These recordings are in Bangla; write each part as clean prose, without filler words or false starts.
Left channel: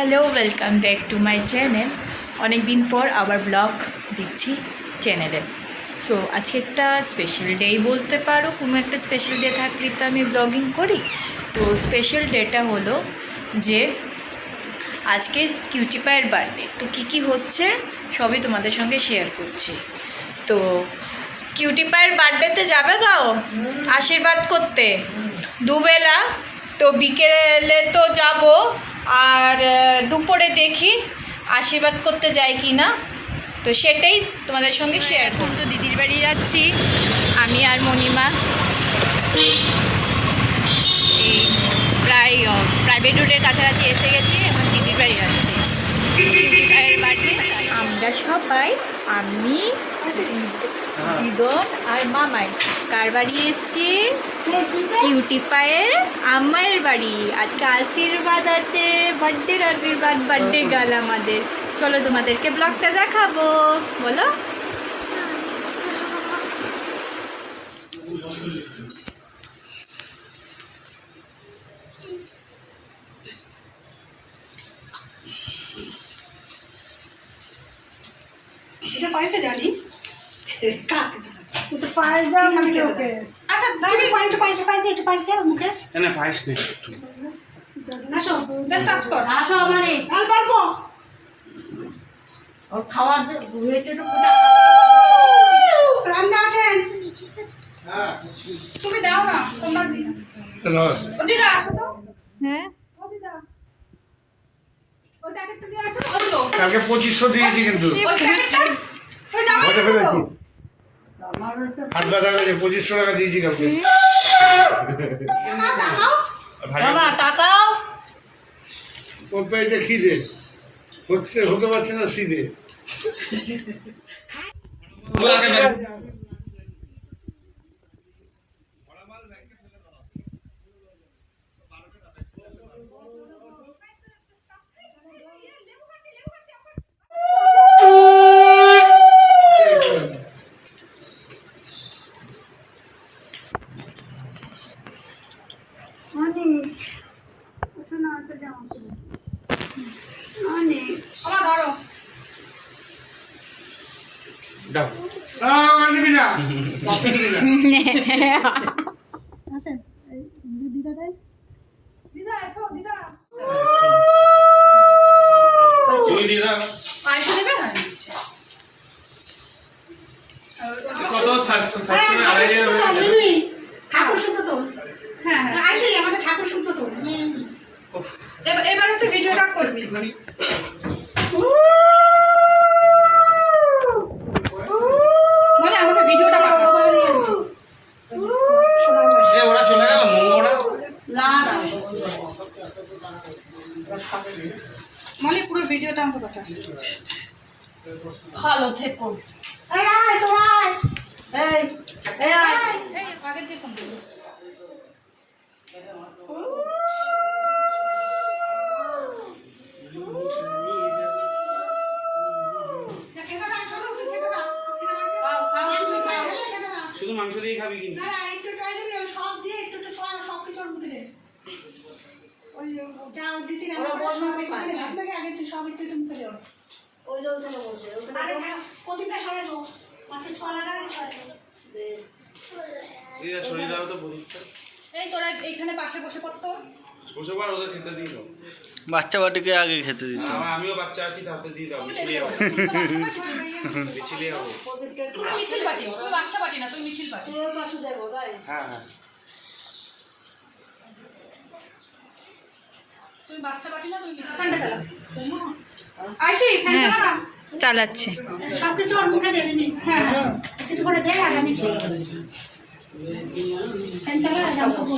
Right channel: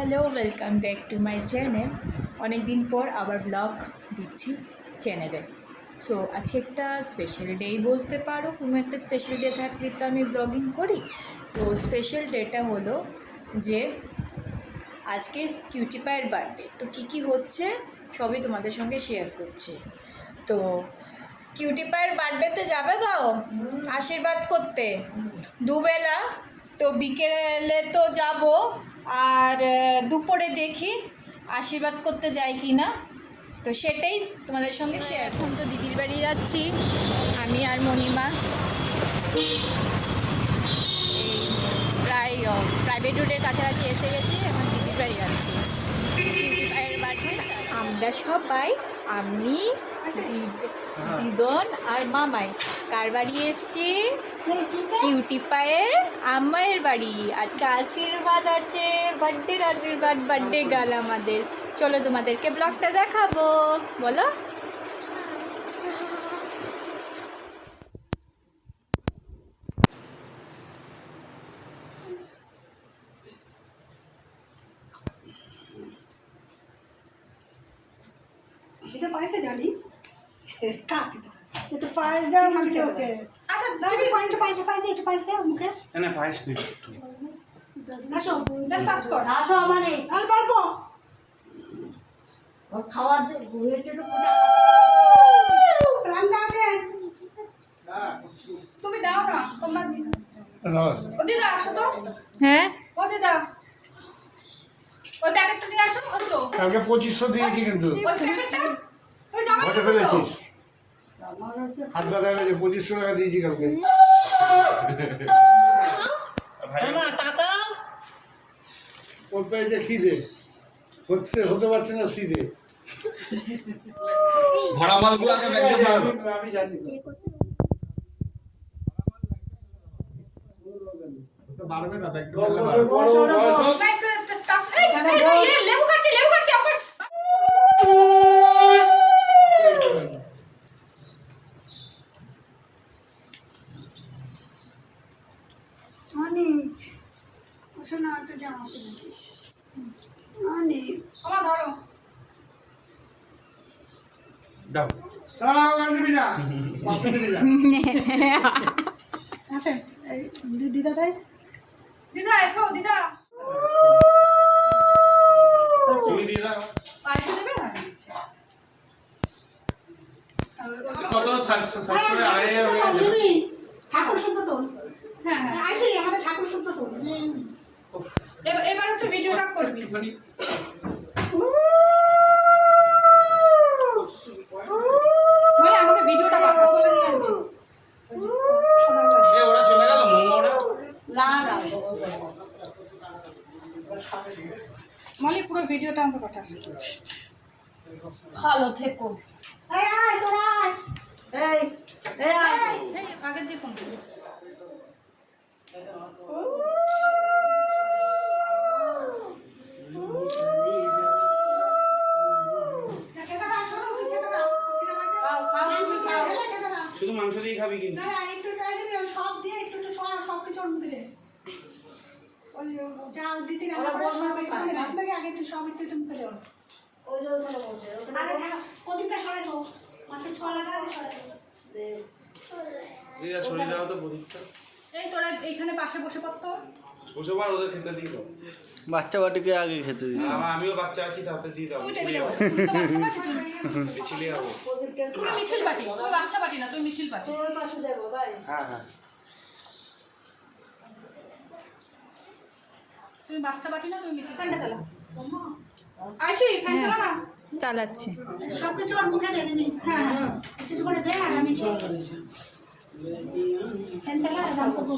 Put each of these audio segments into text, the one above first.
Hello, welcome back to my channel. অনেক দিন পর আবার ব্লগ দিচ্ছি চ্যানেলে। সো আজকে একটা স্পেশাল ডে বলতে পারো, কোনো একটা স্পেশাল ডে থাকলে তো আমি ব্লগিং করি। তো স্পেশাল ডেটা হলো যে আজকে কিউটি পায়ের বার্থডে। তো কী হচ্ছে সবই তোমাদের সঙ্গে শেয়ার করছি। তো কিউটি পায়ের বার্থডেতে যাবে দাও আশীর্বাদ করতে দুবেলা। তো বিকেলে তো যাব, আর দুপুরে দেখি আশীর্বাদ করতে যাই কি না। তো সেটাই তোমাদের সঙ্গে শেয়ার করব। তো দিদির বাড়ি যাচ্ছি আমি আর মণিমা। এই প্রায় প্রাইভেট রোডের কাছাকাছি এসে গেছি, এখন দিদির বাড়ি যাচ্ছি। দিদির বাড়িতে আমরা সবাই, আমি, দিদর আর মামাই কার বাড়ি এসছি? কিউটি পায়ের আম্মায়ের বাড়ি। আজকে আশীর্বাদ আছে, বার্থডের আশীর্বাদ, বার্থডে গাল আমাদের। চলো তোমাদেরকে ব্লগটা দেখাবো, বলো। এটা পয়সা জানি কাক একটু পায়েস দাও খালি ওকে। আচ্ছা দাঁড়ি পয়সা দে, একটু পয়সা দে মুখে না পায়েস নেই। না সব জাস্ট টাচ কর। আসো মানে অল্প অল্প ওর খাওয়া হয়েছে তো রান্না আসেন। তুমি দাও না, তোমরা দিদা আসো তো। হ্যাঁ, ও দিদা ওই প্যাকেটটা দিয়ে আসো। ওই তো কালকে 2500 দিয়েছি কিন্তু ওই প্যাকেটটা ওই জামা ওটা কাপড় দাও। ফেলেছিস। হাটবা টাকা যে 2500 টাকা দিয়েছি কালকে। বাবা তাকাও। ওর পেয়েছে খিদে হতে পারছে না সিধে। ভরা মালগুলো আগে ব্যাগ করতে হবে। আমি জানি ভরা মাল ব্যাগে ফেলে দাও। ওটা বাড়বে না, ব্যাগটা ফেলে বাড়বে। লেবু খাচ্ছি ওকে। মানে শোনা তো জামা মানে আমার ধরো দাও দিবি না বাপকে দিবি না। আসেন এই দিদা দেয় দিদা এসো দিদা। তুমি দিয়ে দাও। পয়সা দেবে না দিচ্ছি। কত 700 আড়াই হাজার হয়ে যাবে। ঠাকুর শুদ্ধ তো। হ্যাঁ আইসই আমাদের ঠাকুর শুদ্ধ তো। এবার হচ্ছে ভিডিওটা করবি। একটুখানি মানে আমাকে ভিডিওটা পাঠাও। এ ওরা চলে গেল মোমোরা। না না মলি পুরো ভিডিওটা আমাকে পাঠা। ভালো থেকো। এই আয় তোরা আয়। এই এই আয়। এই আগের দিয়ে ফোন দিবি। শুধু মাংস দিয়ে খাবি কিন্তু। সব দিয়ে একটু সব কিছু ওর মুখে দে। ওই যা দিছি না ভাত লাগে আগে তুই সব একটু মুখে দে। ওই যে ওখানে বসে আরে প্রদীপটা সরাই দাও, মাছের ছোলা লাগে সরাই দাও। দিদা ছড়িয়ে দাও তো বুঝতে। এই তোরা এইখানে পাশে বসে পড়তো। বসে পড়, ওদের খেতে দিয়ে দাও। বাচ্চা বাটিকে আগে খেতে দিত। আমিও বাচ্চা আছি, তাতে দিয়ে দাও। মিছিলে যাবো। মিছিলে যাবো। তুমি মিছিল পাটি, তুমি বাচ্চা পাটি না, তুমি মিছিল পাটি। তোর পাশে যাবো তাই হ্যাঁ হ্যাঁ তুমি বাচ্চা পাটি না, তুমি মিছিল। ফ্যানটা চালা। আইসি ফ্যান চালা না। চালাচ্ছি। সব কিছু ওর মুখে দে নি। হ্যাঁ হ্যাঁ একটু করে দে আর আমি ফ্যান চালা আর আমি করব।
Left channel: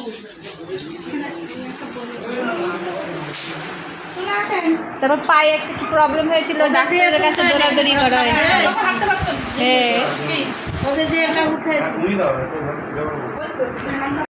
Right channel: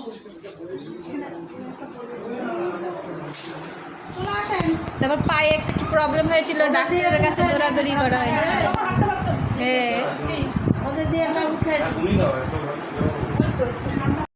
চলে আসেন। তারপর পায়ে একটা কি প্রবলেম হয়েছিল, ডাক্তারের কাছে দৌড়াদৌড়ি করা হয়েছে। হাঁটতে পারতো। হ্যাঁ, কি ওদের যে এটা উঠে তুমি দাও একটু।